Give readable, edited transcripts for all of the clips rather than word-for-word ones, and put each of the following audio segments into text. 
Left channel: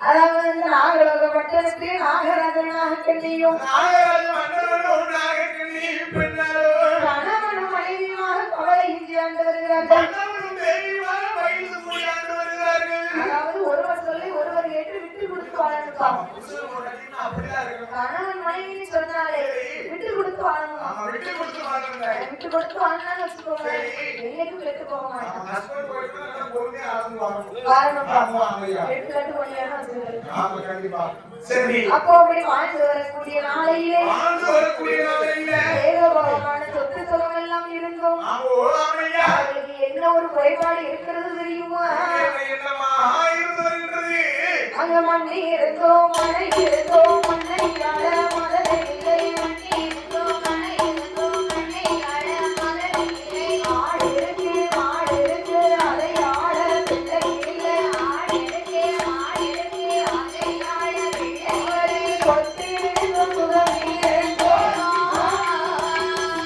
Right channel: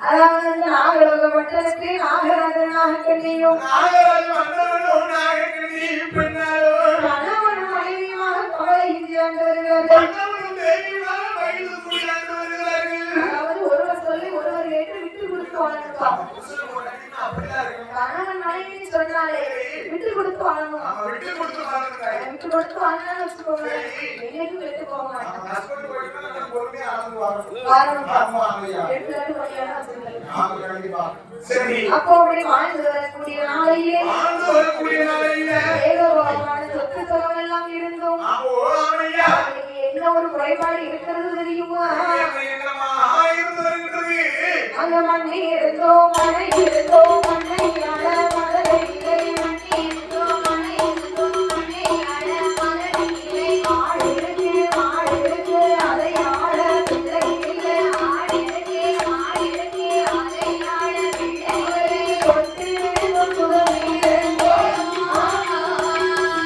அதாவது நாகலோக மண்டலத்தை நாகராஜனாக கண்ணியும் கணவனும் மனைவியுமாக கவலை இந்தியாண்டு வருகிறார்கள். அதாவது ஒருவர் சொல்லி ஒருவர் ஏற்று விட்டு கொடுத்து வாழணும். கணவன் மனைவி சொன்னாலே விட்டு கொடுத்து வாழணும். விட்டு கொடுத்து வாழணும்னு வச்சுக்கோங்க, என்னைக்கும் விட்டு போக மாட்டோம். அப்போ அப்படி வாழ்ந்து வரக்கூடிய நாளையிலே சொத்து சுகம் எல்லாம் இருந்தோம். என்ன ஒரு குறைபாடு இருக்கிறது தெரியுமா? அங்க மண்ணி இருந்தோ மழை இருந்தோ மண்ணை அழ மழை இல்லை மண்ணி இருந்தோ மழை இருந்தோ மண்ணை அழ மழை இல்லை ஆடு இருக்கு மாடு இருக்கு அதை ஆட பிள்ளை இல்லை ஆடு இருக்கு மாடு இருக்கு அதை ஆட பிள்ளை கொத்து இருந்தோ சுகமே இருந்தோ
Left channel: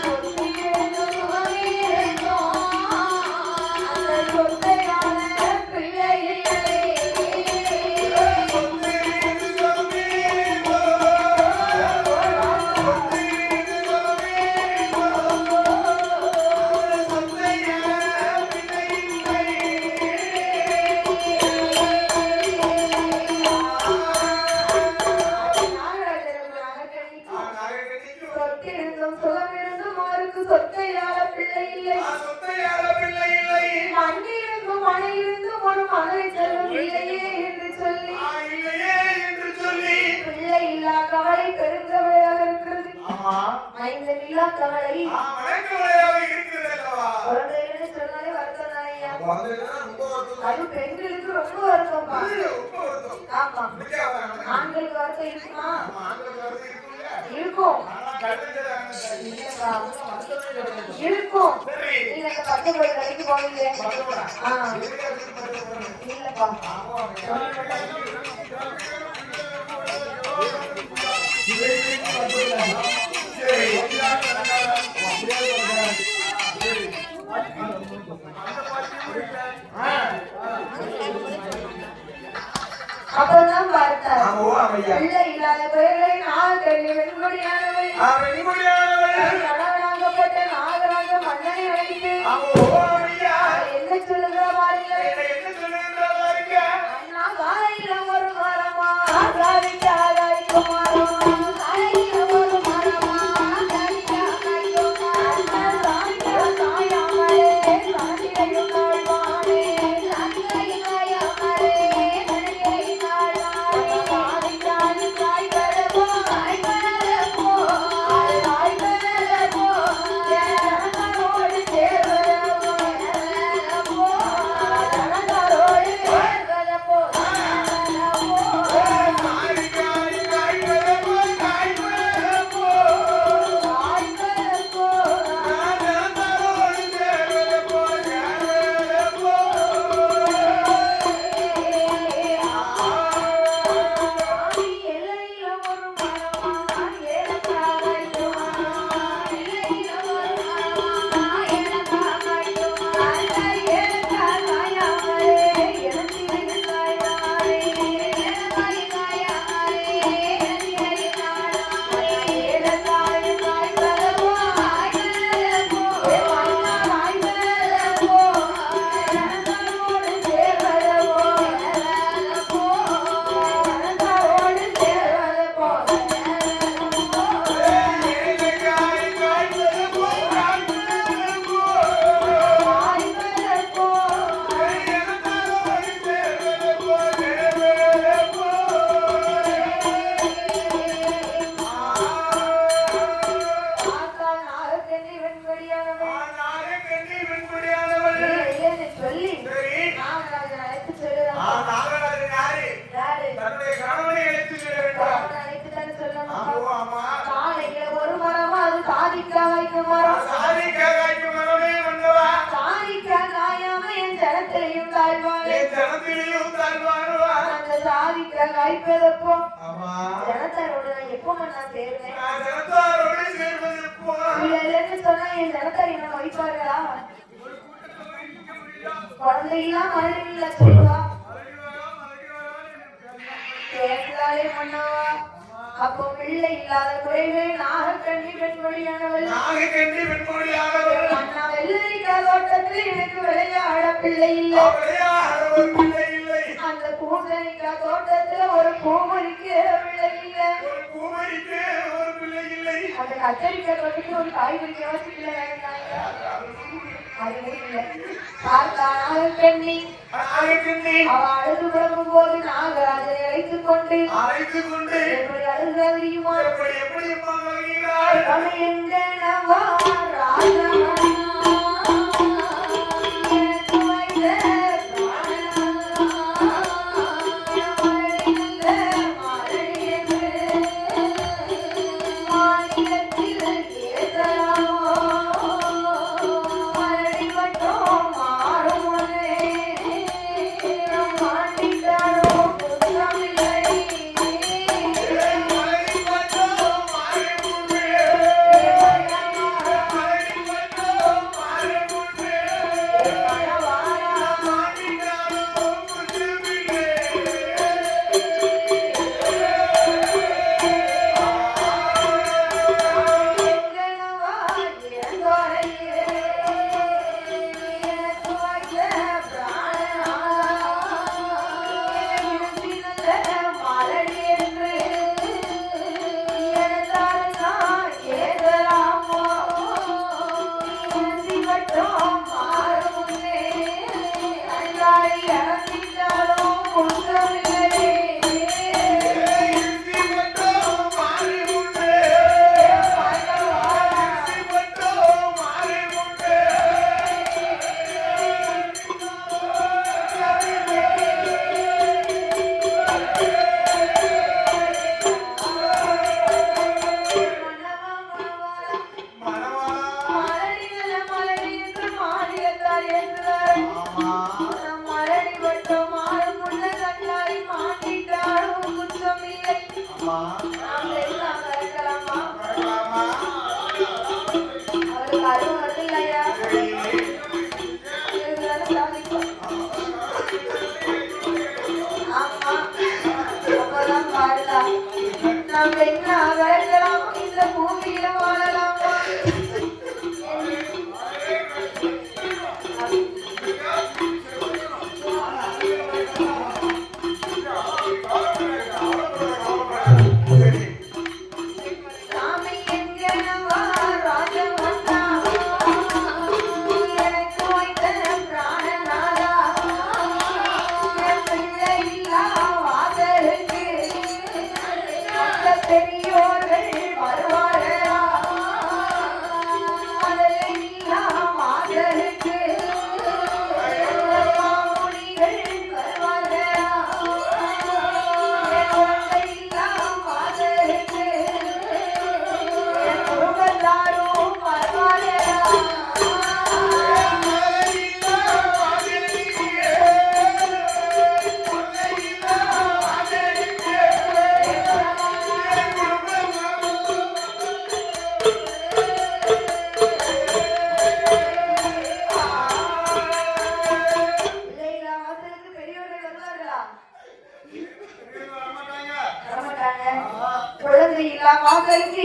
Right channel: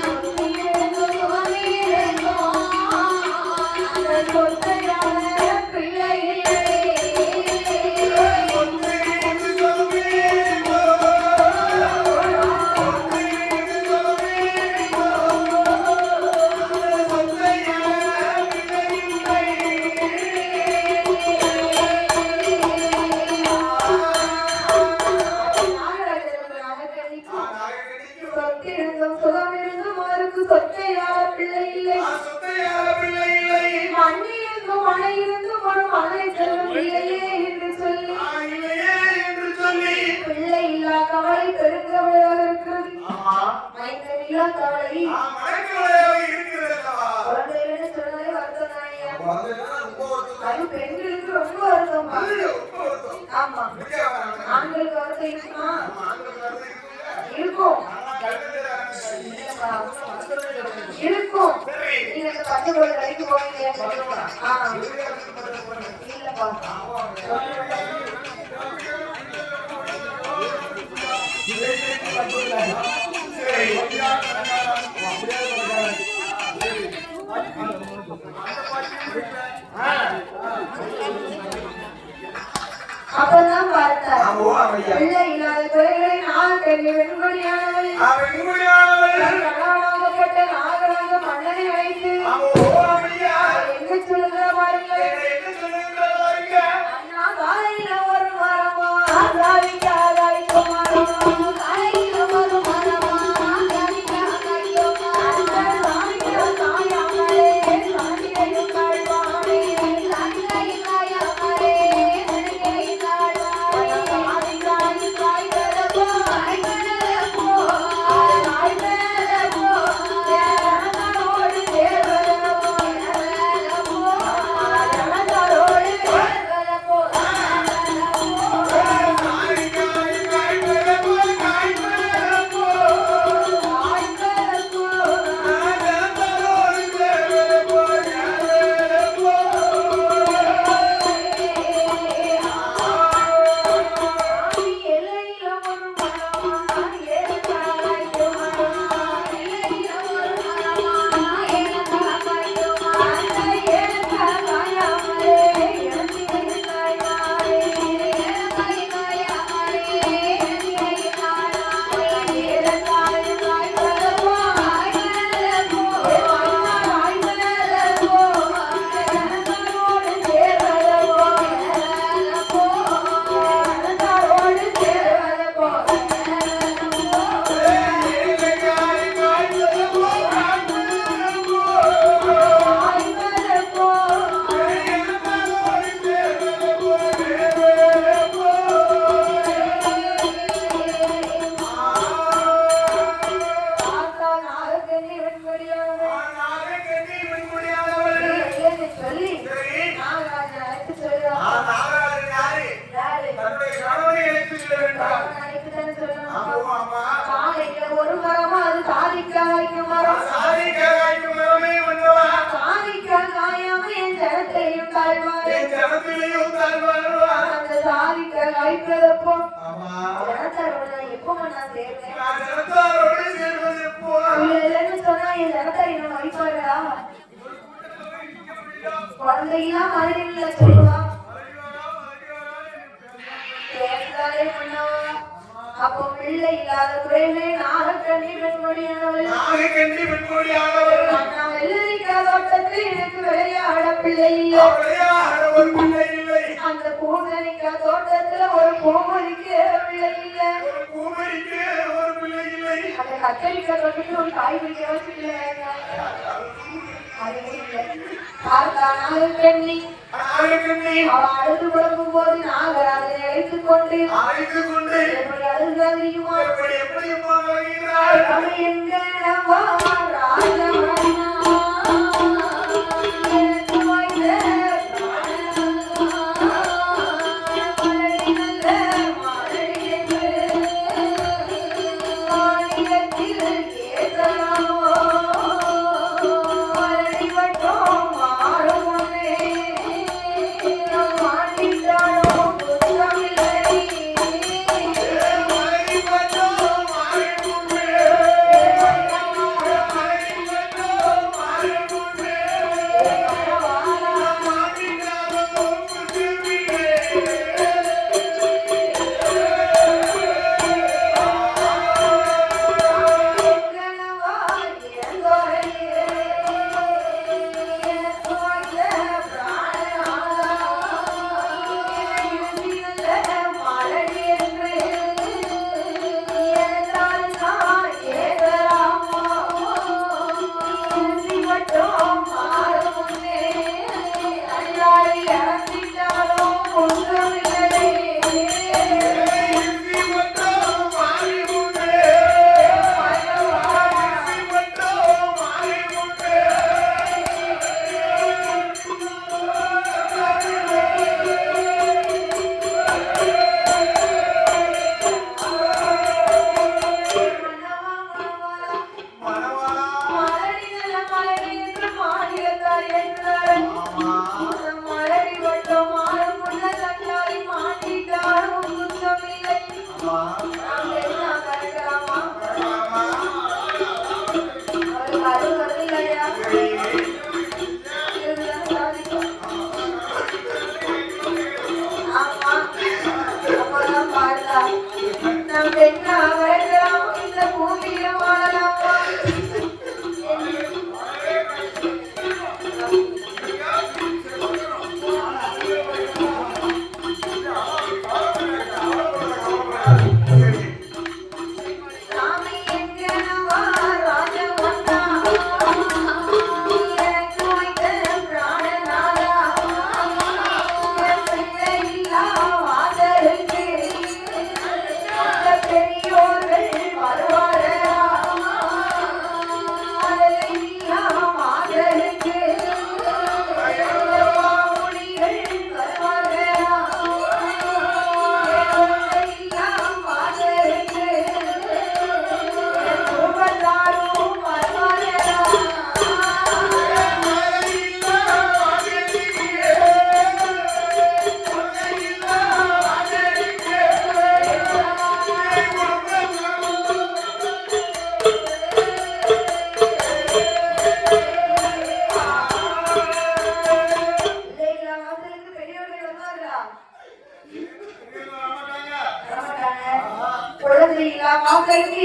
கொத்து இருந்தோ சுகமே இருந்தோ அந்த கொத்தையான பிள்ளை இல்லை. பெண்களுக்கு ரொம்ப வருத்தம். ஆமா, ஆண்களுக்கு வருத்தம் இருக்குமா? இருக்கும் இருக்கும். நீங்க பத்து கோடி கடைக்கு போவீங்க. இல்லப்பா, அப்பதான் பார்த்தார். பிள்ளை இல்லாத குறைகளை நாகக்கண்ணி வெண்மொழியானவள் கணவனாகப்பட்ட நாகராக மன்னனை அழைத்து என்ன சொல்லுகிற பாருங்க. அண்ணா காலையில ஒரு மரமா காலையில ஒரு மரமா வாய்ப்பதப்போ ஜனத்தாரோட எப்போ நான் சேர்வேன் சொன்னா என் ஜனத்தாரி நான் வைப்பாரா குழந்தையெல்லாம் மதுரையில சொல்லுவா சேர்ந்தாலே பண்ணவா அப்போ பிள்ளை இல்லாத குறைவே நாகக்கண்ணி பெண்மொழி தோட்டத்தில் எனக்கு விளையாட பிள்ளை இல்லை அந்த பூசணிக்கா தோட்டத்துல ஒரு பூமரிக்க பிள்ளை இல்லை அந்த கத்தரிக்காய் தோட்டத்துல ஒரு காய் பிடிக்க பிள்ளை நாகக்கண்ணி அவ அழுது பழகும் போது நாங்கள் அதை அழைத்துக் கொண்டு எப்படி அழுதா தெரியுமா எங்க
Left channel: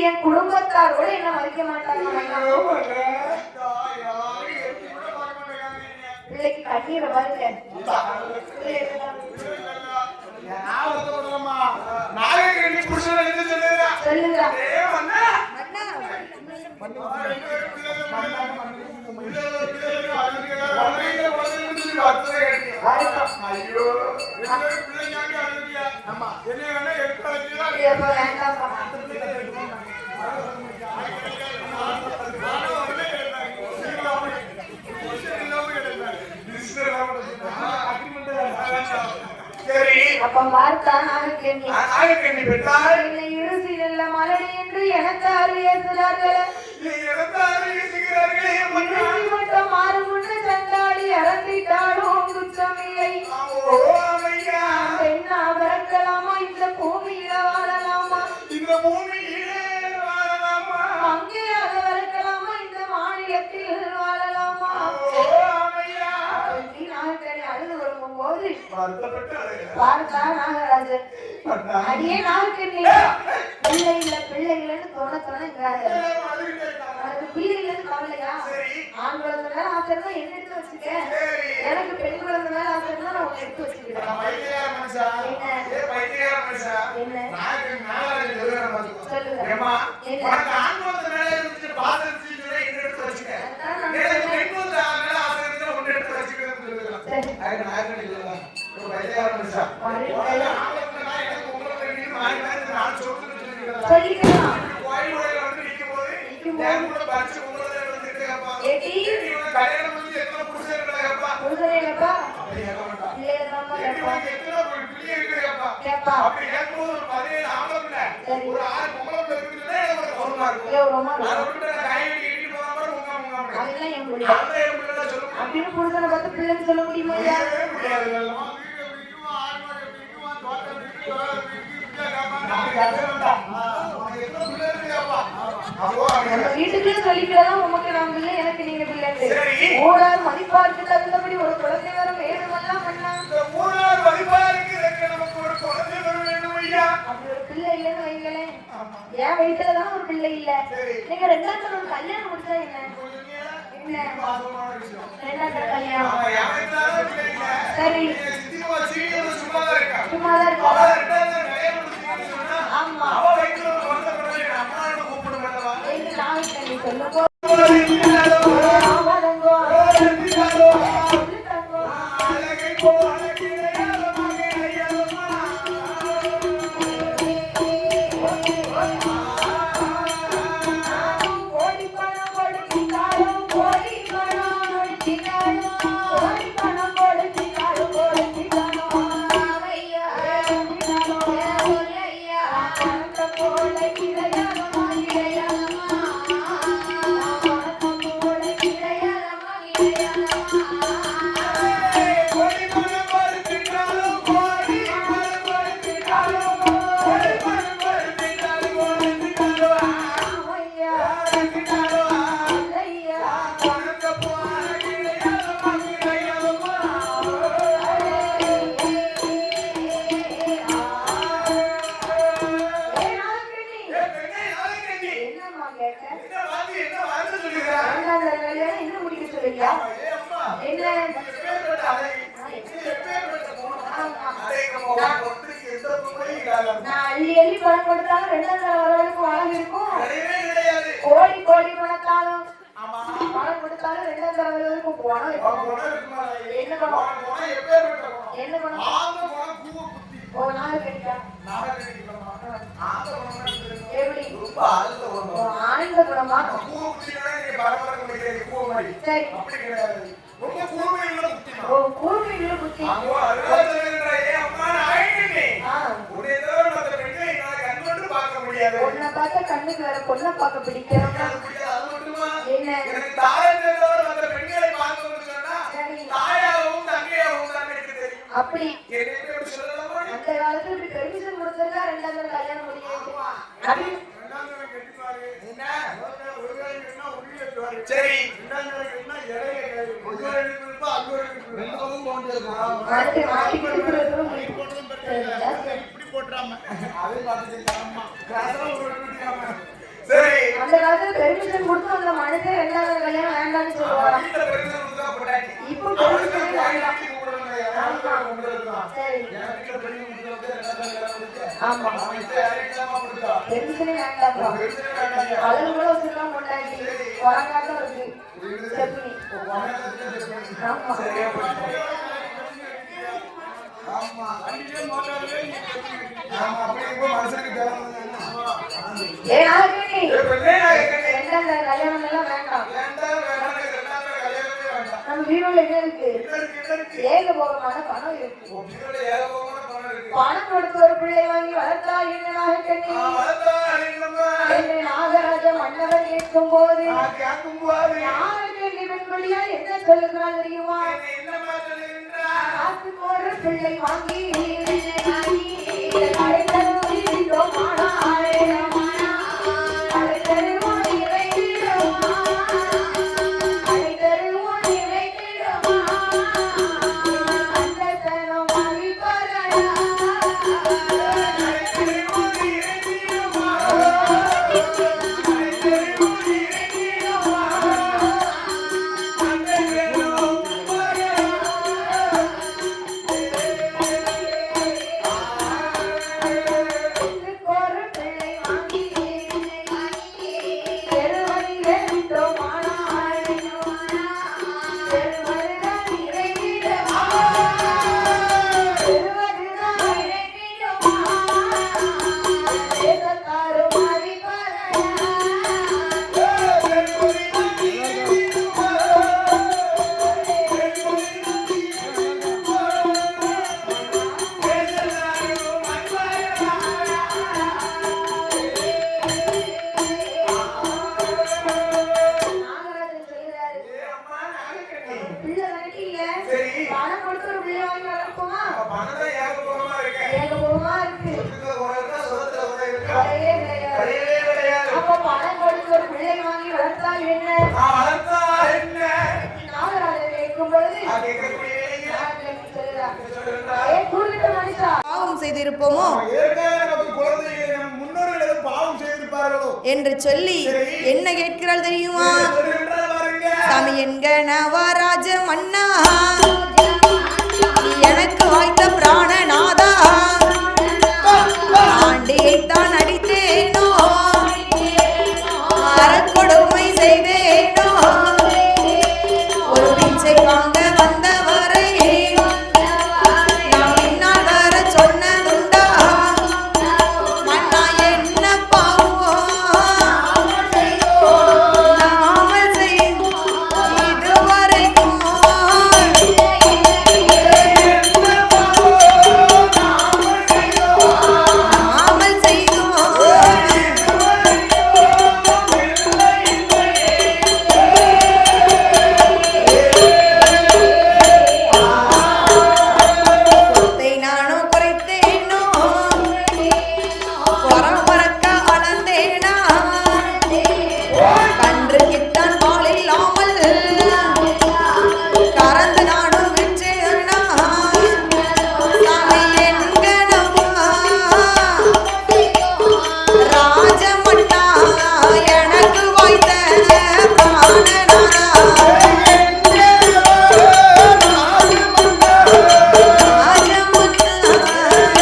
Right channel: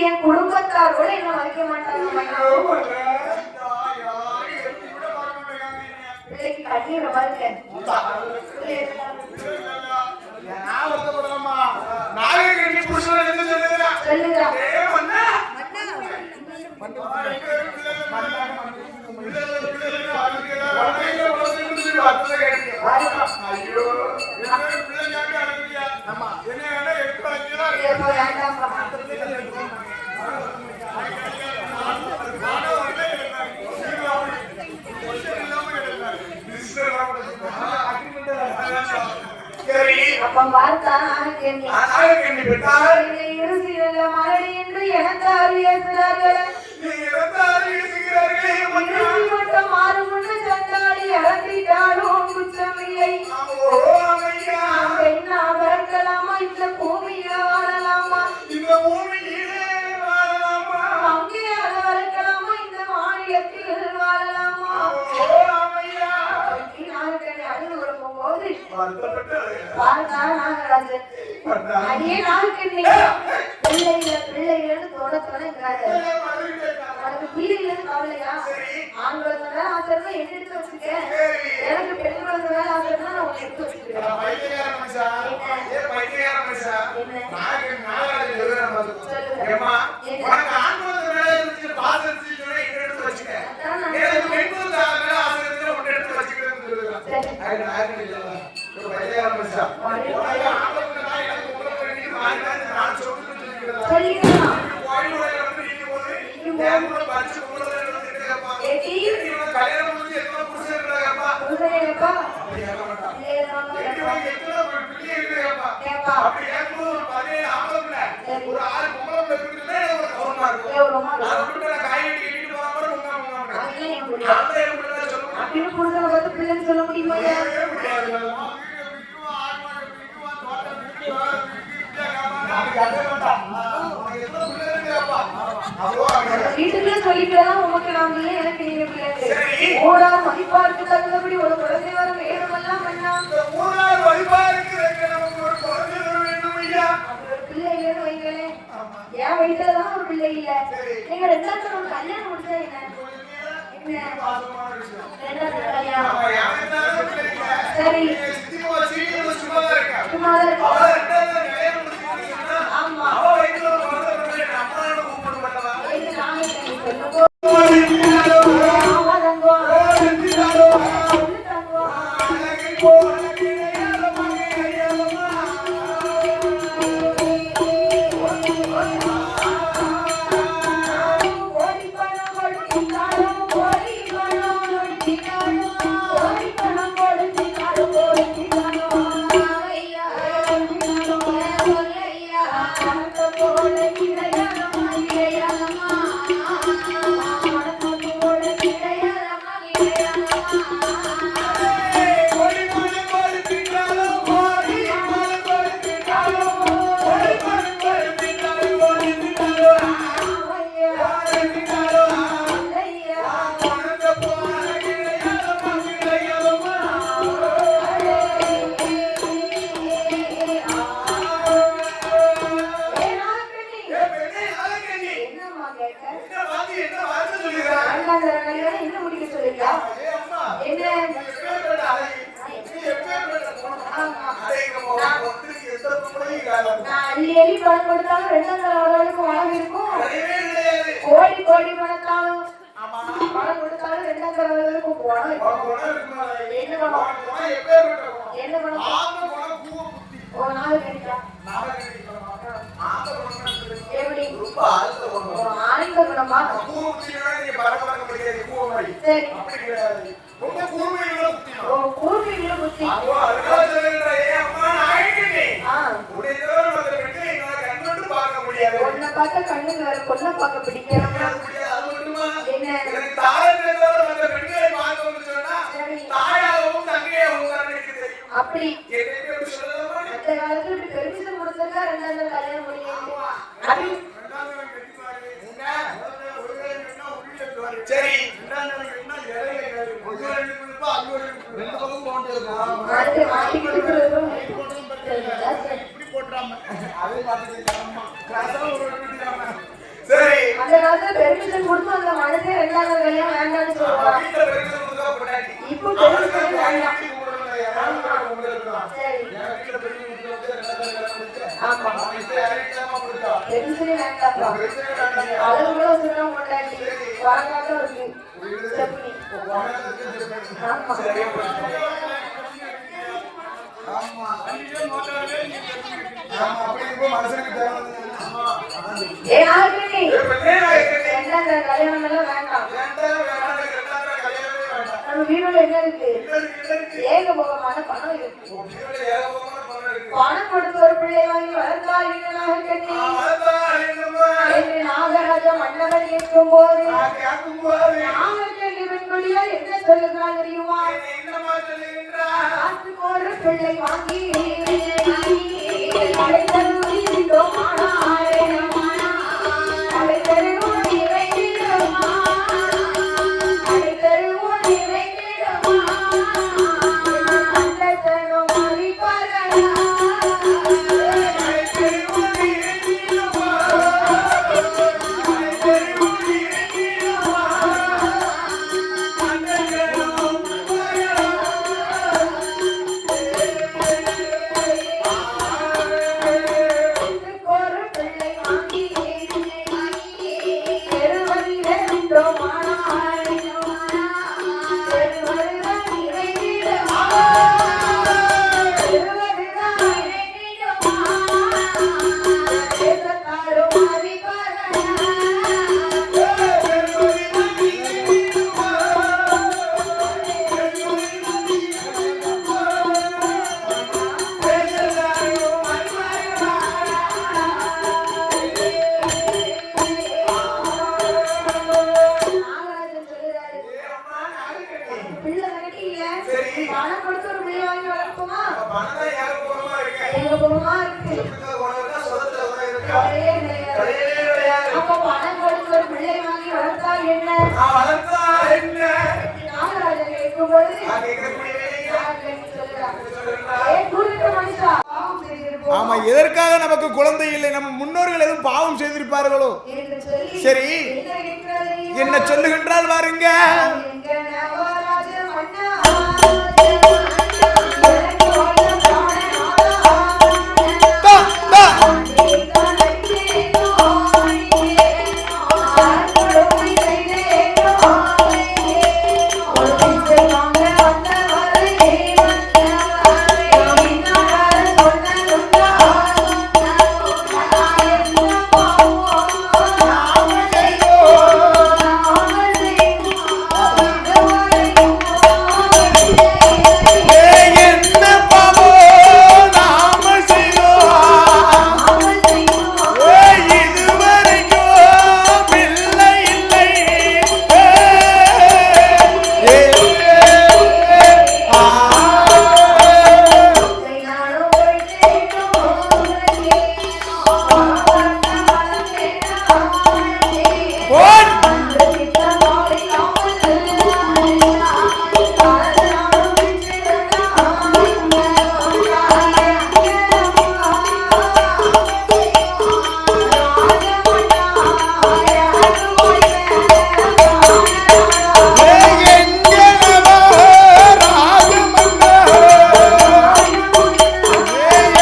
என் குடும்பத்தாரோட என்ன மதிக்க மாட்டாங்க பிள்ளைக்கு கண்ணீர் பாருங்க அப்ப பார்த்தா மாறுமுன்னு தந்தாடி இறந்திட்டாலும் குற்றமில்லை என்ன பிறக்கலாமா பாருடா நாகராஜன் அடியே நாகக்கண்ணி பிள்ளைகள் தோணத்தோணுங்கிறாரு அதுக்கு பிள்ளைகள் கவலையா ஆண்களோட மேல ஆசைன்னா என்ன எடுத்து வச்சுக்க எனக்கு பெண்களோட மேல ஆசைன்னா நான் உன்னை எடுத்து வச்சுக்கிறேன் பிள்ளைன்னு சொல்ல முடியுமா வீட்டுக்குள்ளே சொல்லிக்கலாம் உமக்கு நான் இல்லை எனக்கு நீங்க பிள்ளை ஓடார் மதிப்பாருக்கு தகுந்தபடி ஒரு குழந்தை வரும் வேணுமெல்லாம் பண்ணா பிள்ளை இல்லைன்னு வைங்களேன் என் வயிற்றுலதான் ஒரு பிள்ளை இல்ல நீங்க ரெண்டாவது தரம் கல்யாணம் முடிச்சா என்ன சரி சும்மாதான் இருக்கு ஆமா அள்ளி அள்ளி பணம் கொடுத்தாலும் ரெண்டாவது வளர்க்கும் இருக்கும் கோடி கோடி பணத்தாலும் பணம் கொடுத்தாலும் ரெண்டாவது வளர்க்கும் போனோம் என்ன பணம் என்ன பணம் ஒரு நாள் கிடைக்கா எப்படி ஆனந்த குணமா சரி கூர்மையுள்ள புத்தி பொண்ணை பார்த்த கண்ணுக்கு வேற பொண்ணை பார்க்க பிடிக்கும் என்ன அப்படி அந்த காலத்துல பெர்மிஷன் கொடுத்தா ரெண்டாவது கல்யாணம் முடியும் சரி அந்த காலத்துல பெர்மிஷன் கொடுத்து அந்த மனுஷன் ரெண்டாவது கல்யாணம் வேண்டாம்னு சொல்லுவாங்க இப்போ பெர்மிஷன் வேண்டாம் ஆமா பெர்மிஷனே வேண்டாம் அதுக்குள்ள சொல்ல மாட்டாங்க வரக்காக இருக்கு சட்னி ஆமா அப்படி இப்போ மனுஷனுக்கு கல்யாணம் எல்லாம் வேண்டாம் நம்ம வீடுல என்ன இருக்கு ஏகபோகமான பணம் இருக்கு பணம் கொடுத்து ஒரு பிள்ளை வாங்கி வளர்த்தால் என்னமாக கண்ணி நாகராஜ மன்னவன் கேட்கும் போது நாகக்கண்ணி பெண்மொழியா என்ன சொல்லுகிறான் தெரியுமா ஒரு பிள்ளை வாங்கி அழைத்தருவோம் எனக்கு குணமா இருக்கு. உனக்கு சொத்துல உனக்கு இருக்கா? கிடையவே கிடையாது. கிடையவே கிடையாது. அப்ப பணம் கொடுத்து ஒரு பிள்ளை வாங்கி வளர்த்தால் என்ன? நான் வளர்த்தா என்ன? நாகராஜன் கேட்கும்போது நான் கேட்கக்கூடிய பாவம் செய்திருப்போமோ எதற்காக நமக்கு குழந்தை இல்லை, நம் முன்னோர்கள் எதுவும் பாவம் செய்திருப்பார்களோ என்று சொல்லி சரி. என்ன கேட்கிறாள் தெரியுமா? என்ன சொல்லுகின்றால் பாருங்க. நான் என்க நவராஜ மன்னா எனக்கு வாய்த்த பிராணநாதா ஆண்டியைத்தான் அடித்தேனோ அறக்கொடுமை செய்தேனோ ஒரு பிச்சை வாங்க வந்தவரை பின்னால் வர சொன்னதுண்டா மன்னா என்ன பாவம் நாமல் செய்யும் இதுவரைக்கும் என்ன பாவோ நாமல் செய்தோம், நாமல் செய்யும் இதுவரைக்கும் பிள்ளை இல்லை. இதை நானும் குறைத்தேனோ பரம்பரக்க வளர்ந்தேனா கன்று கிட்டான் பால் இல்லாமல் கறந்து நானும் விற்றேனா சாமி என்கணமா ராஜமன்னா எனக்கு வாய்த்த பிராணநாதா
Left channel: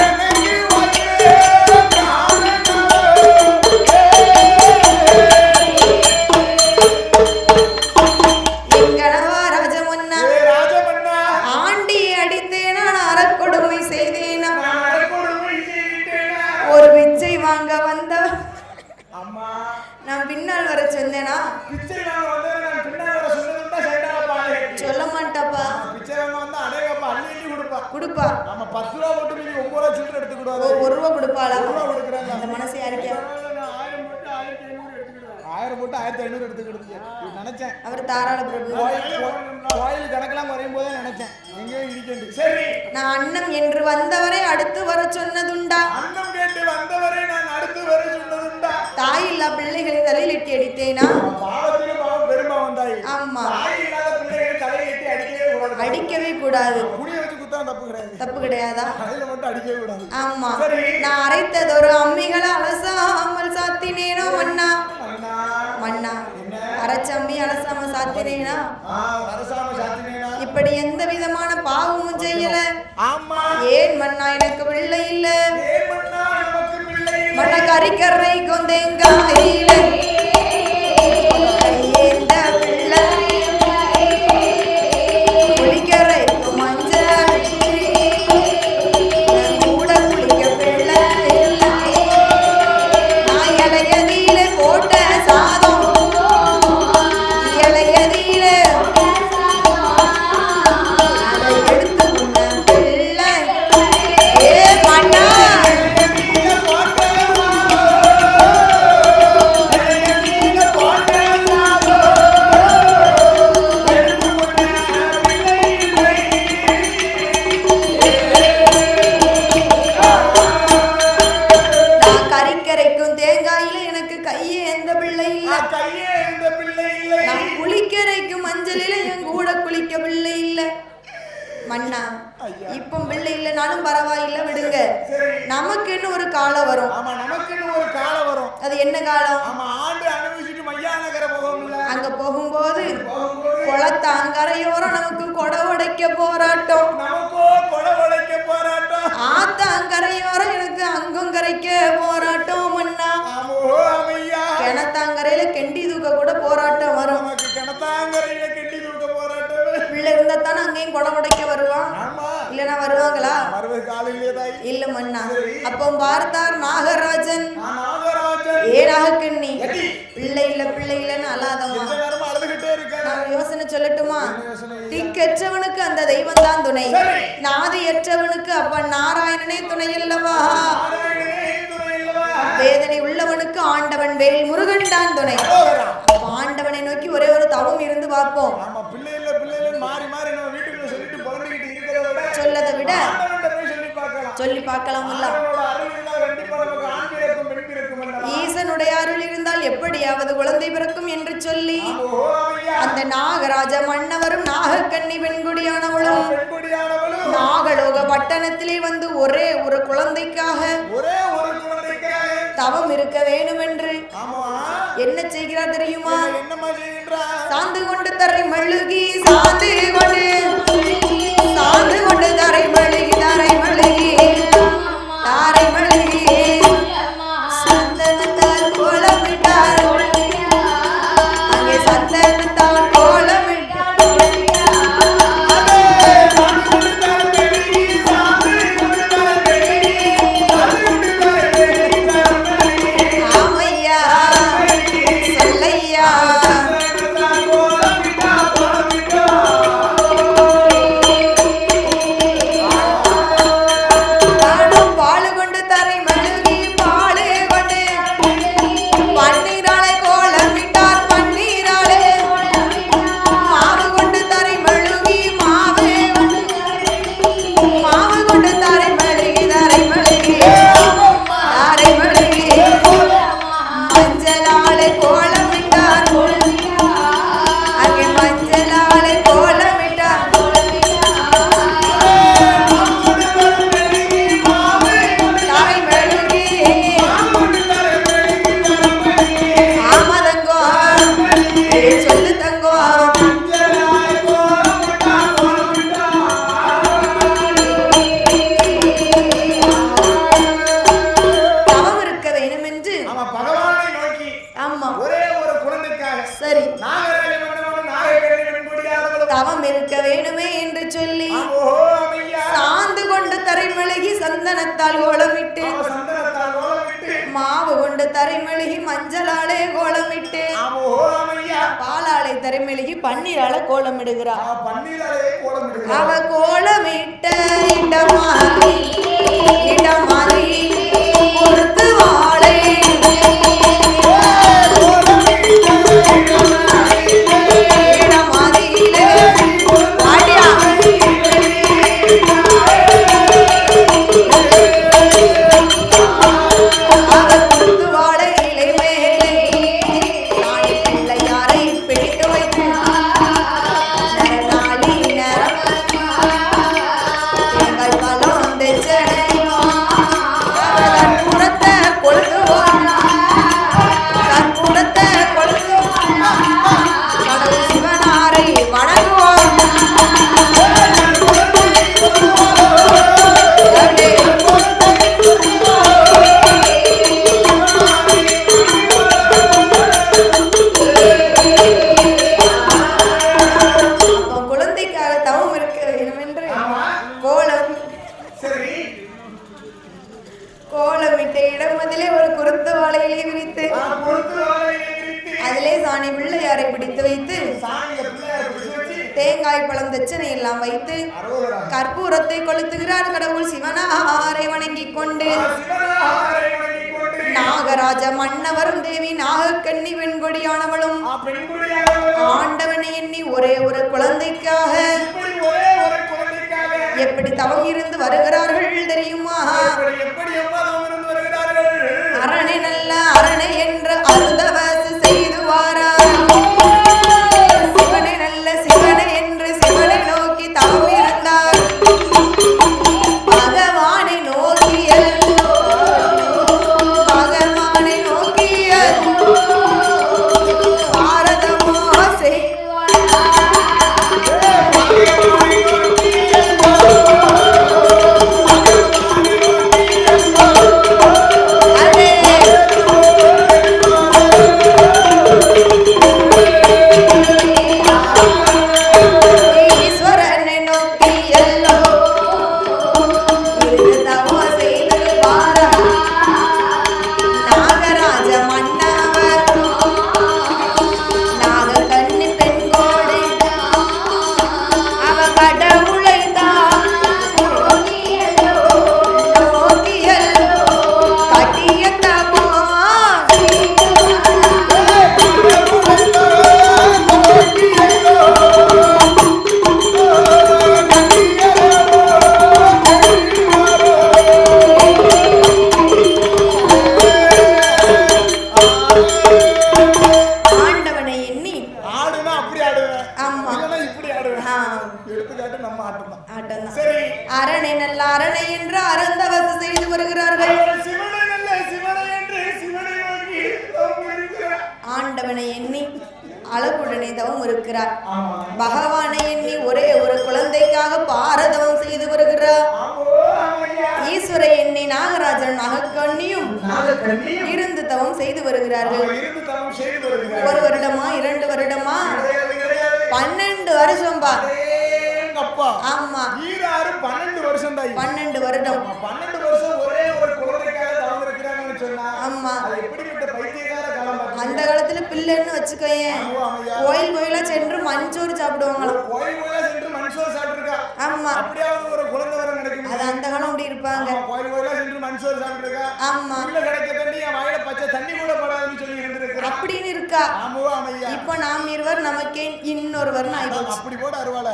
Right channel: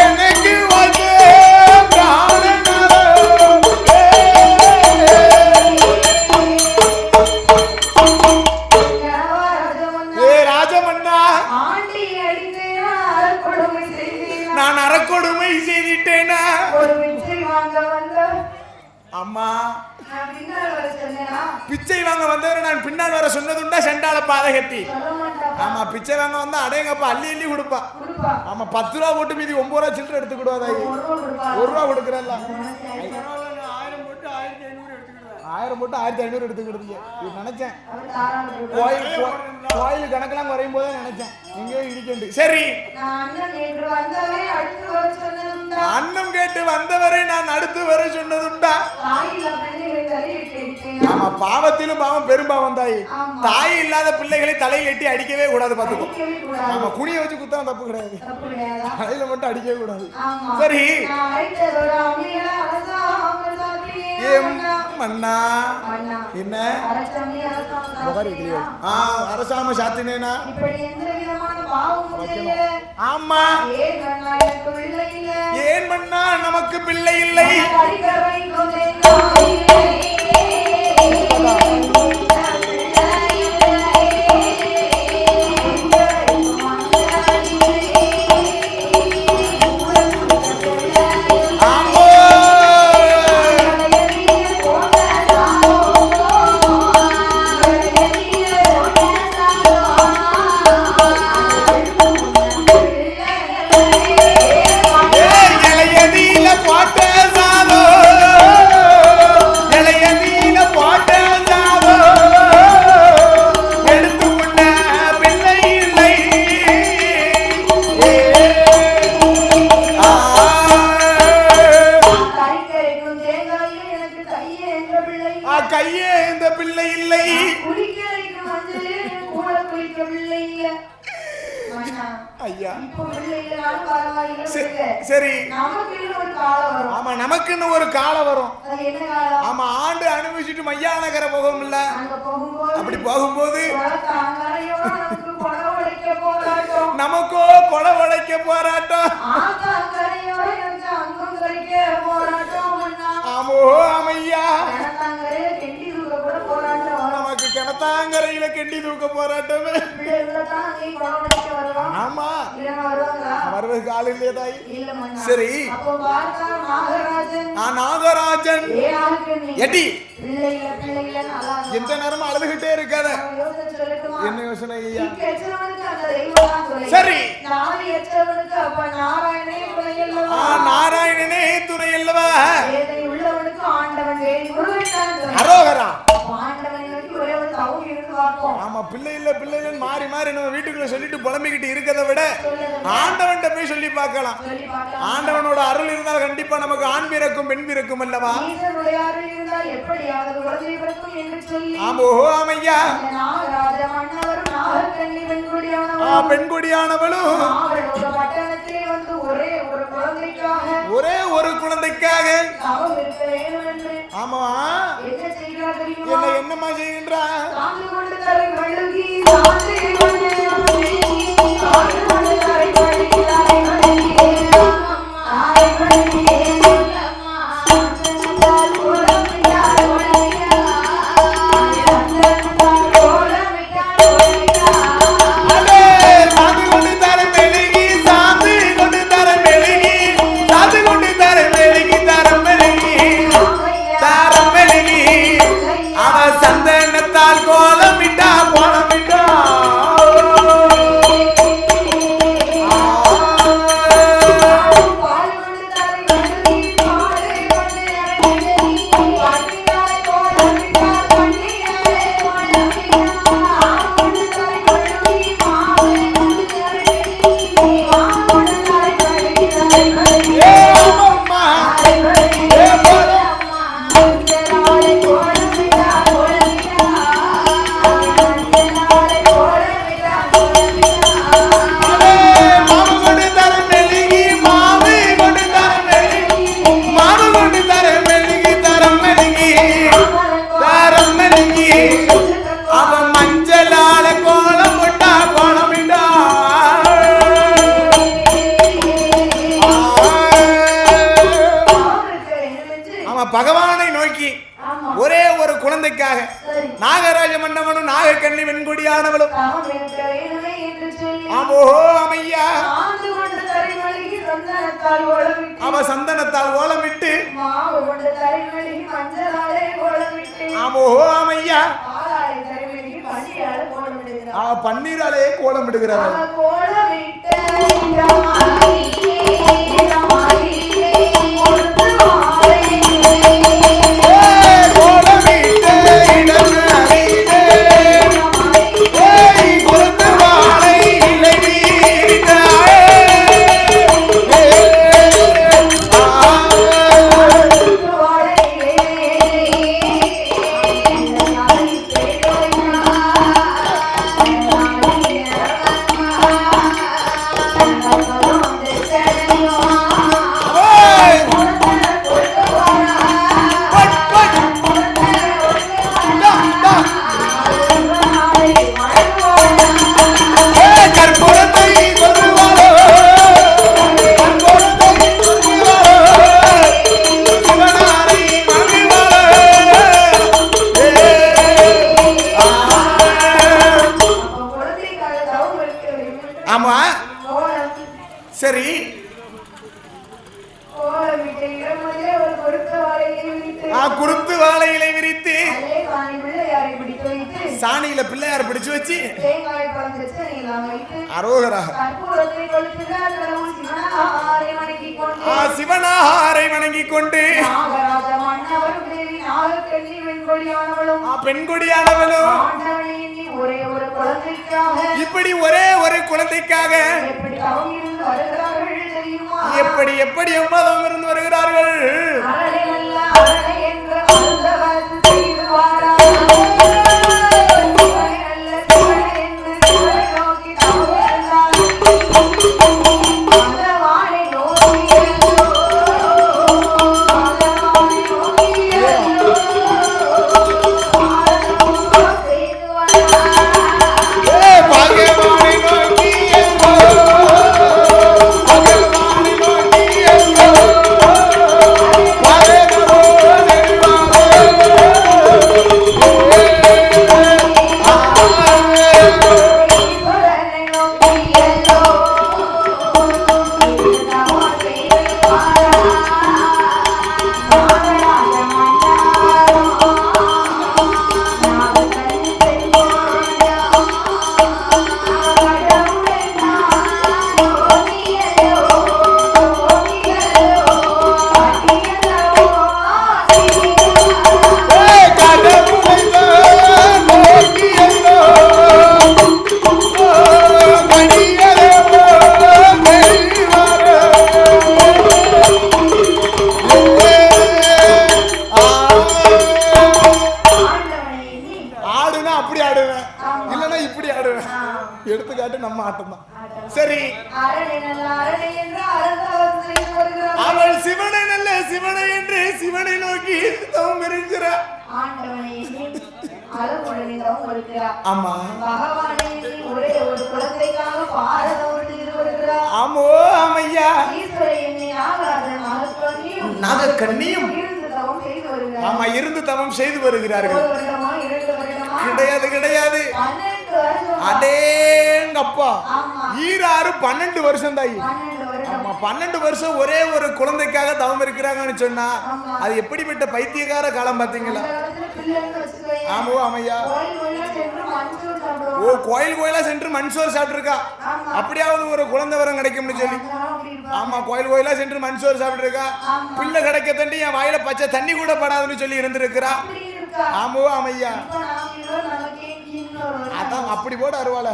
எனக்கு வந்து என்கணவா ராஜமன்னா ராஜமன்னா, ஆண்டி அடித்தேனா அறக்கொடுமை செய்தேனா நான் அறக்கொடுமை செய்துட்டேனா? ஒரு பிச்சை வாங்க வந்த அம்மா, நான் பின்னால் வர சொன்னேனா பிச்சை வாங்க வந்தவரை நான் பின்னால் வர சொன்னதுண்டா செண்டால பாதை கட்டி? சொல்ல மாட்டாப்பா ஆமா, பிச்சை வாங்க வந்தா அடேங்கப்பா அள்ளி அள்ளி கொடுப்பா. கொடுப்பா ஆமா, 10 ரூபா போட்டு மீதி 9 ரூபா சில்லறை எடுத்து கொடுவாங்க. ஒரு ரூபா கொடுப்பாளா 1 ரூபா கொடுக்குறேன். அந்த மனசு யாருக்கு 1000 போட்டு 1500 எடுத்துக்கிடுவேன். 1000 போட்டு 1500 எடுத்துக்கிடுங்க. நினைச்சேன் அவர் தாராள பிரபு கோயில் கணக்கெல்லாம் வரையும் போதே நினைச்சேன் எங்கேயும் இடிக்கண்டு. சரி, நான் அண்ணம் என்று வந்தவரை அடுத்து வர சொன்னதுண்டா அன்னம் கேட்டு வந்தவரை நான் அடுத்து வர சொன்னதுண்டா? தாய் இல்லா பிள்ளைகளை தலையில் எட்டி அடித்தேனா ஆமா, பாவத்திலும் பாவம் பெரும்பாவம் தாய். ஆமா. தாய் இல்லாத பிள்ளைகளை தலையில் எட்டி அடிக்கவே கூடாது. அடிக்கவே கூடாது ஆமா, குனிய வச்சு குத்தா தப்பு கிடையாது. தப்பு கிடையாதா தலையில மட்டும் அடிக்கவே கூடாது. ஆமா சரி. நான் அரைத்ததொரு அம்மிகளை அலசாமல் சாத்தினேனா மன்னா மன்னா மன்னா என்ன? அரைச்சம்மி அலசாம சாத்தினேனா அரசாம சாத்தினேனா? இப்படி எந்த விதமான பாவமும் செய்யல ஆமா, ஏன் மன்னா எனக்கு பிள்ளை இல்ல ஏன் மன்னா நமக்கு பிள்ளை இல்லை? கறிக்கரை கொந்தேங்காயில இந்த பிள்ளை கறிக்கரை மஞ்சள் கூட குடிக்க பிள்ளை இலையதிலே போட்ட சாதம் இலையதிலே இளையதீல போட்ட சாதோ, இளையதீல போட்ட சாதோ, எடுத்துக்கொண்ட பிள்ளை இல்லை. கறிக்கரைக்கும் தேங்காயில எனக்கு கையே எந்த பிள்ளை இல்ல கையே இந்த பிள்ளை இல்லை. குளிக்கரைக்கும் மஞ்சளில என் கூட குளிக்க பிள்ளை இல்ல மன்னா ஐயா. இப்ப பிள்ளை இல்லைனாலும் பரவாயில்ல விடுங்க சரி, நமக்கு இன்னும் ஒரு காலம் வரும் ஆமா, நமக்குன்னு ஒரு காலம் வரும். அது என்ன காலம் ஆமா, ஆண்டு அனுபவிச்சுட்டு மையானகர போகும் இல்ல, அங்க போகும்போது அப்படி போகும்போது குளத்தாங்கரையோரம் நமக்கு கொடை உடைக்க போராட்டம் நமக்கோ கொலை உடைக்க போராட்டம். ஆத்தாங்கரையோரம் எனக்கு அங்கும் கரைக்க போராட்டம் மன்னா ஆமோ அமையா, கிணத்தாங்கரையில கெண்டி தூக்க கூட போராட்டம் வரும் நமக்கு கிணத்தாங்கரையில கெட்டி தூக்க போராட்டமே. பிள்ளை இருந்தா தானே அங்கேயும் கொடை உடைக்க வருவான் ஆமா, இல்லனா வருவாங்களா வருவதற்கு ஆள் இல்லையா தாய்? இல்ல மன்னா சரி. அப்போ பார்த்தார் நாகராஜன் நாகராஜன் ஏனாகண்ணி எட்டி பிள்ளை இல்லன்னு அழாதவா எந்த நேரமும் அழுதுகிட்டே இருக்காத. நான் யோசனை சொல்லட்டுமா என்ன யோசனை ஐயா? திக்கற்றவனுக்கு அந்த தெய்வம் தான் துணை சரி. நாதியற்றவனுக்கு அப்பன் நாராயணனே துணை அல்லவா நாராயணனே துணை அல்லவா? வேதனை உள்ளவனுக்கு ஆண்டவன் வேல் முருகன் தான் துணை அரோகரா. ஆண்டவனை நோக்கி ஒரே ஒரு தவம் இருந்து பார்ப்போம் ஆமா, பிள்ளை இல்ல மாறி மாறி நம்ம வீட்டுக்குள்ள சொல்லிட்டு புலம்பிக்கிட்டு இருக்கதை விட சொல்லதை விட ஆண்டவன்ட்ட போய் சொல்லி பார்க்கலாம். சொல்லி பார்க்கலாம். ஆண்டவனோட அருள் இருந்தால் கண்டிப்பா நமக்கு ஆண் பிறக்கும் பெண் பிறக்கும் அல்லவா? ஈசனுடைய அருள் இருந்தால் எப்படியாவது குழந்தை பிறக்கும் என்று சொல்லி அந்த நாகராஜ மன்னவரும் நாகக்கன்னி பெண்குடியானவளும் நாகலோக பட்டணத்திலே வந்து ஒரே ஒரு குழந்தைக்காக தவம் இருக்க வேண்டும் என்று என்ன செய்கிறார் தெரியுமா? என்னமா செய்கின்றார்? சாந்து கொண்டு தரை மழுகி சாந்து கொண்டு தரை மழுகி தரை மழுகி தாரை மழுகி சந்தனத்தால் கோலமிட்டார் அங்கே சந்தனத்தால் கோலமிட்டார் பகவானை நோக்கி ஒரே ஒரு குழந்தைக்காக நாகராஜ மன்னவனும் நாகக்கன்னி வெண்குடியானவளும் தவம் இருக்க வேண்டுமே என்று சொல்லி சாந்து கொண்டு தரைமழுகி சந்தனத்தால் கோலமிட்டு மாவு கொண்டு தரைமழுகி மஞ்சளாலே கோலமிட்டு பாலாலை தரைமழுகி பன்னீரால கோலமிடுகிறார். அவ கோலமிட்ட இடமாறி கொடுத்து வாழை தேங்காய் பழம் தட்சணை எல்லாம் வைத்து கற்பூரத்தை கொளுத்துகிறார். கடவுள் சிவனாரை வணங்கிக் கொண்டு நாகராஜ மன்னவரும் தேவி நாகக்கன்னி பெண்கொடியானவளும் ஆண்டவனை எண்ணி ஒரே ஒரு குழந்தைக்காக எப்படி தவம் இருந்து வருகிறார்கள் தெரியுமா? எப்படி தவம் இருந்து வருகிறார்கள்? அரணை நல்ல அரணை என்ற அருந்தவாசி செய்து வாரா Oh இருக்கிறார். ஆமா பகவானை எண்ணி ஒரே ஒரு குழந்தைக்காக பாரதம் செய்து வருகிறார். ஆமோ ஆமையா ஈஸ்வர எண்ணி நாகராஜன் நாகக்கண்ணியும் இருந்து தவம் செய்து வருகிறார்கள். ஆமா இருந்து தவம் செய்து வருகிறார்கள். 1 வருடமா 2 வருடமா கிடையாது 12 வருஷம். அடேங்கப்பா. ஆமா ஈராறு 12 வருஷம் தான். 12 வருடம். 12 வருஷம் ஒரே ஒரு குழந்தைக்காக தவம் இருக்கிறாங்கன்னு சொன்னா அது எப்படிப்பட்ட பைத்தியக்கார காலம் பாத்தீங்களா? அந்த காலத்துல பிள்ளைன்னு வச்சுக்கோயே. ஆமோ ஆமையா கோயில் கோயிலா சென்று மஞ்சோறு சாப்பிடுவாங்க. ஓ கோயில் கோயிலா சென்று மஞ்சோறு சாப்பிட்டுருக்கா? ஆமா அப்படியாவது ஒரு குழந்தை வரம் கிடைக்க முடியும். அந்த காலம் அப்படி இருப்பாங்க. ஆமா கோயில் கோயிலா சென்று மஞ்சோறு சாப்பிட்டுருக்கா. பிள்ளை கிடைக்க தண்ணி என் வாயில பச்சை தண்ணி கூட படாதுன்னு சொல்லி இருந்திருக்கிறா. அப்படின்னு இருக்கா? ஆமோ ஆமையா. இப்ப நாம் இருவர் நமக்கே இன்னொருவர். அப்படி போட அருவாள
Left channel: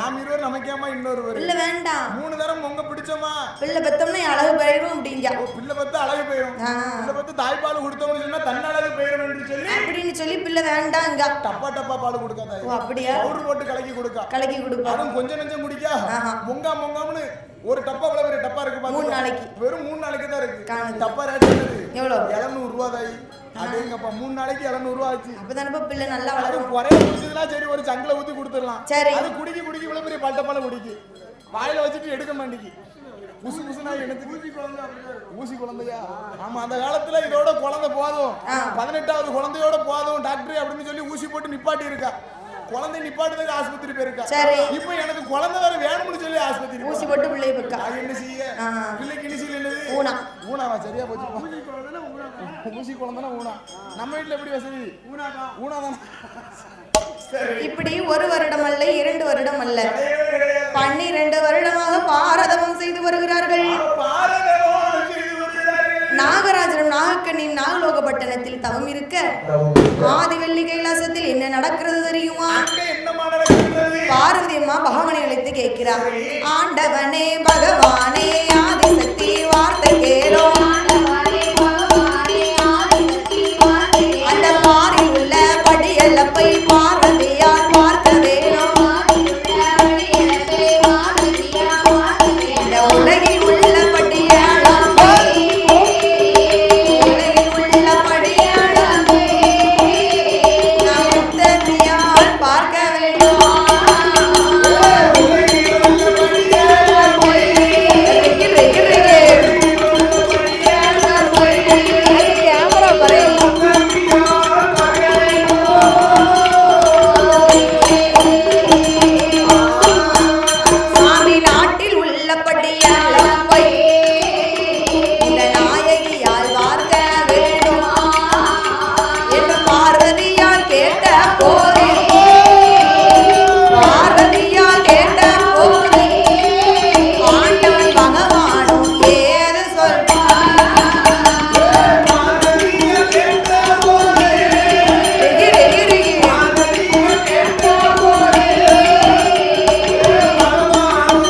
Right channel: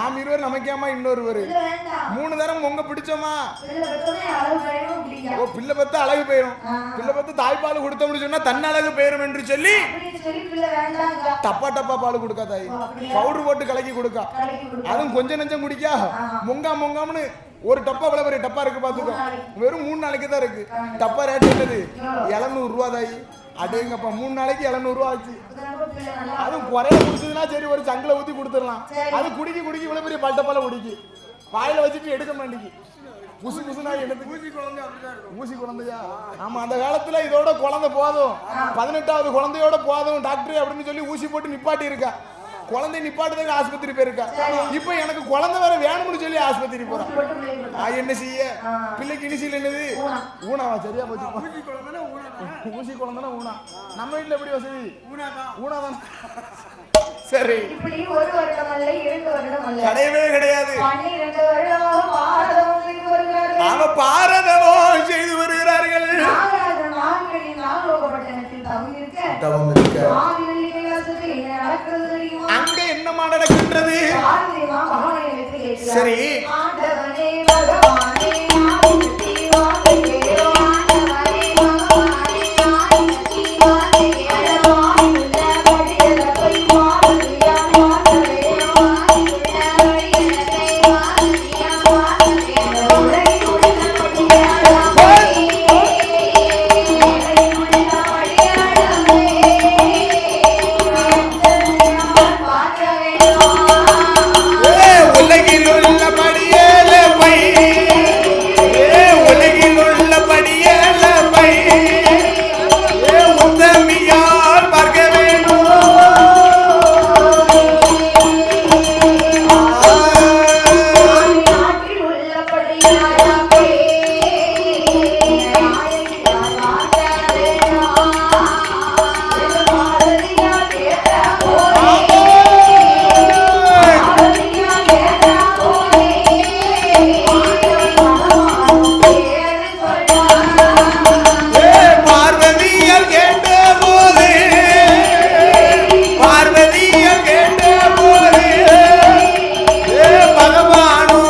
நாம் இருவர் நமக்கேமா இன்னொருவர் இல்ல வேண்டாம். 3 தரம் உங்க பிடிச்சோமா பிள்ளை பெத்தோம்னா அழகு போயிடும் அப்படிங்க. ஓ பிள்ளை பெத்த அழகு போயிடும். பிள்ளை பெத்த தாய்ப்பால் கொடுத்தோம்னு சொன்னா தன் அழகு போயிடும் என்று சொல்லி அப்படின்னு சொல்லி பிள்ளை வேண்டாங்க. டப்பா பால் கொடுக்க தாய். அப்படியே பவுடர் போட்டு கலக்கி கொடுக்க. அதுவும் கொஞ்சம் நெஞ்சம் குடிக்கா முங்காம்னு ஒரு டப்பா விலை ஒரு டப்பா இருக்கு பாத்துக்க. வெறும் 3 நாளைக்கு தான் இருக்கு. டப்பா ரேட் என்னது? 700 ரூபாய் தாய். அடேங்கப்பா 3 நாளைக்கு 700 ரூபாய் ஆச்சு. அப்பதானப்பா பிள்ளை நல்லா அதுவும் குறைய குடிச்சதுனா சரி ஒரு சங்கில ஊத்தி கொடுத்துடலாம். அது குடிக்கி இவ்வளவு பெரிய பல்டப்பால குடிக்கி வாயில வச்சுட்டு எடுக்க மாட்டேங்கி. ஊசி குழந்தையா? ஆமா அந்த காலத்துல இதோட குழந்தை போதும் 18வது குழந்தையோட போதும் டாக்டர் அப்படின்னு சொல்லி ஊசி போட்டு நிப்பாட்டி இருக்கா. குழந்தை நிப்பாட்டுறதுக்கு ஆஸ்பத்திரி போயிருக்கா. இப்ப எனக்கு குழந்தை வர வேணும்னு சொல்லி ஆஸ்பத்திரி என்ன செய்ய? பிள்ளைக்கு இனிசியல் என்னது? ஊனாவா? சரியா போச்சு. ஊசி குழந்தைனா ஊனா. நம்ம வீட்டுல எப்படி வசதி? ஊனாதான். சரி இப்படி 1 வருடம் அல்ல 2 வருடம் அல்ல கிடையாது 12 வருடமாக பாரதம் செய்து வருகிறார்கள். நாகராஜன் நாகக்கண்ணின் நாகலோகப்பட்டணத்தில் தவம் இருக்க ஆதிவெள்ளி கைலாசத்தில் என்ன நடக்கிறது தெரியுமா? என்னமா நடக்கின்றது? பார்வதி அம்மா பகவானை அழைத்து கேட்கிறார். ஆண்டவனே பகவானே ஆதிசக்தி வார்த்தை கேளோ. அந்த மாறி உள்ள படியல்லப்பை பார்வதியார் பார்க்க வேணும். இந்த உலகில் உள்ள படியல்லப்பை நாம் தந்தையார் பார்க்க வேணும். உலகில் உள்ள படியல்லப்பை தந்தையார் பார்க்க வேணும். சாமி நாட்டில் உள்ள படியல்லப்பை இந்த நாயகியார் பார்க்க வேணும் என்று பார்வதியார் கேட்ட போதே ஆண்டவன் பகவானும் பேரு சொல்வார். பார்வதியார் கேட்ட போதே பகவானும்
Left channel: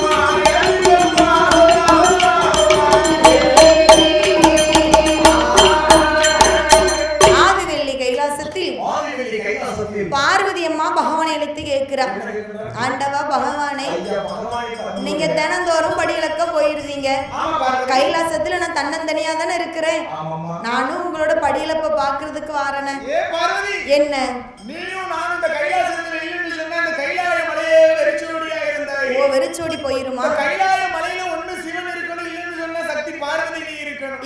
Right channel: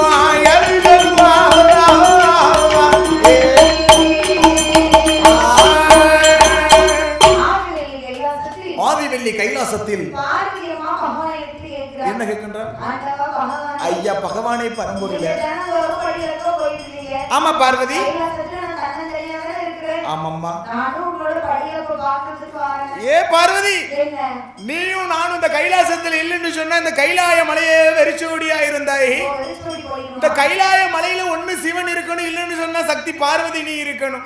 ஆதிவெள்ளி கைலாசத்தில் பார்வதி அம்மா பகவானை அழைத்து கேட்கிறார். என்ன கேட்கின்றார்? ஆண்டவா பகவானே, ஐயா பகவானே பரம நீங்க தினந்தோறும் படியிலக்க போயிருந்தீங்க. ஆமா பார்வதி. கைலாசத்துல நான் தன்னந்தனியா தானே இருக்கிறேன். ஆமாம்மா. நானும் உங்களோட படியிலப்ப பாக்குறதுக்கு வரேன். ஏ பார்வதி, என்ன நீயும் நானும் இந்த கைலாசத்தில் இல்லைன்னு சொன்னா இந்த கைலாய மலையே வெறிச்சோடியா இருந்தாய். வெறிச்சோடி போயிருமா? இந்த கைலாய மலையில ஒண்ணு சிவன் இருக்கணும், இல்லைன்னு சொன்னா சக்தி பார்வதி நீ இருக்கணும்.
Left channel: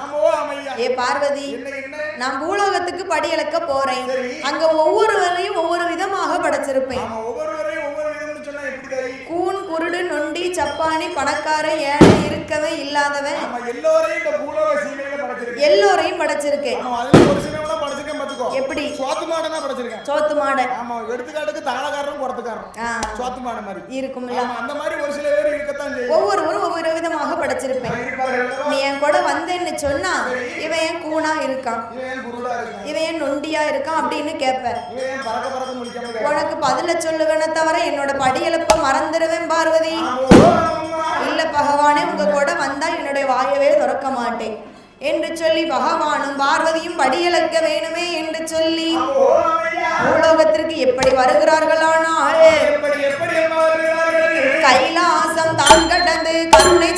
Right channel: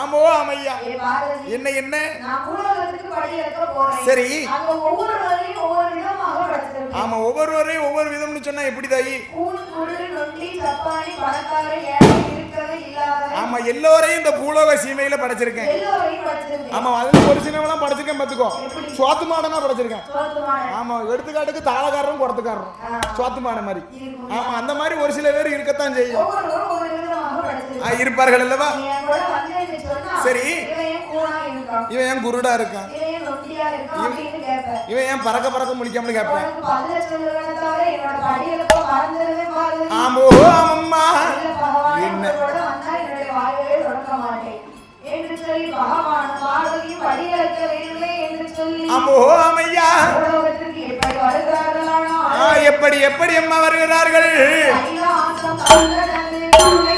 ஆமோ ஆமையா. ஏ பார்வதி, என்ன நான் பூலோகத்துக்கு படியிலக்க போறேன். சரி. அங்க ஒவ்வொருவரையும் ஒவ்வொரு விதமாக படைச்சிருப்பேன். ஆமா ஒவ்வொருவரையும் ஒவ்வொரு விதம்னு சொன்னா எப்படி தாயி? கூன் குருடு நொண்டி சப்பானி பணக்கார ஏழை இருக்கவே இல்லாதவன். ஆமா எல்லோரையும் இந்த பூலோக சீமையில படைச்சிருக்கேன். எல்லோரையும் படைச்சிருக்கேன். ஆமா அதுல ஒரு சிலவனா படைச்சிருக்கேன் பாத்துக்கோ. எப்படி? சோத்து மாடனா படைச்சிருக்கேன். சோத்து மாடன். ஆமா எடுத்துக்காட்டுக்கு தாளகாரரும் குடத்துக்காரரும் சோத்து மாடன் மாதிரி இருக்கும். ஆமா அந்த மாதிரி ஒரு சில பேர் இருக்கத்தான் செய்யும். ஒவ்வொருவரும் ஒவ்வொரு விதமாக படைச்சிருக்காங்க. இருப்பார்கள் அல்லவா? நீ என் கூட வந்தேன்னு சொன்னா சரி இவன் ஏன் கூனா இருக்கான், இவன் ஏன் குருடா இருக்கான், இவன் ஏன் நொண்டியா இருக்கான் அப்படின்னு கேட்பேன். இவன் ஏன் பறக்க பறக்க முடிக்காம கேட்பான். உனக்கு பதில சொல்லுவேனே தவிர என்னோட படியெழுப்ப மறந்துடுவேன் பார்வதி. இல்ல பகவானே, உங்களோட வந்தா என்னுடைய வாயவே திறக்க மாட்டேன் என்று சொல்லி பகவானும் பார்வதியும் படியளக்க வேணுமே என்று சொல்லி உலகத்திற்கு எப்படி வருகிறார்கள்? ஆனால் எப்படி அம்மா வருகிறார்கள்? கைலாசம் தான் கடந்து கருணை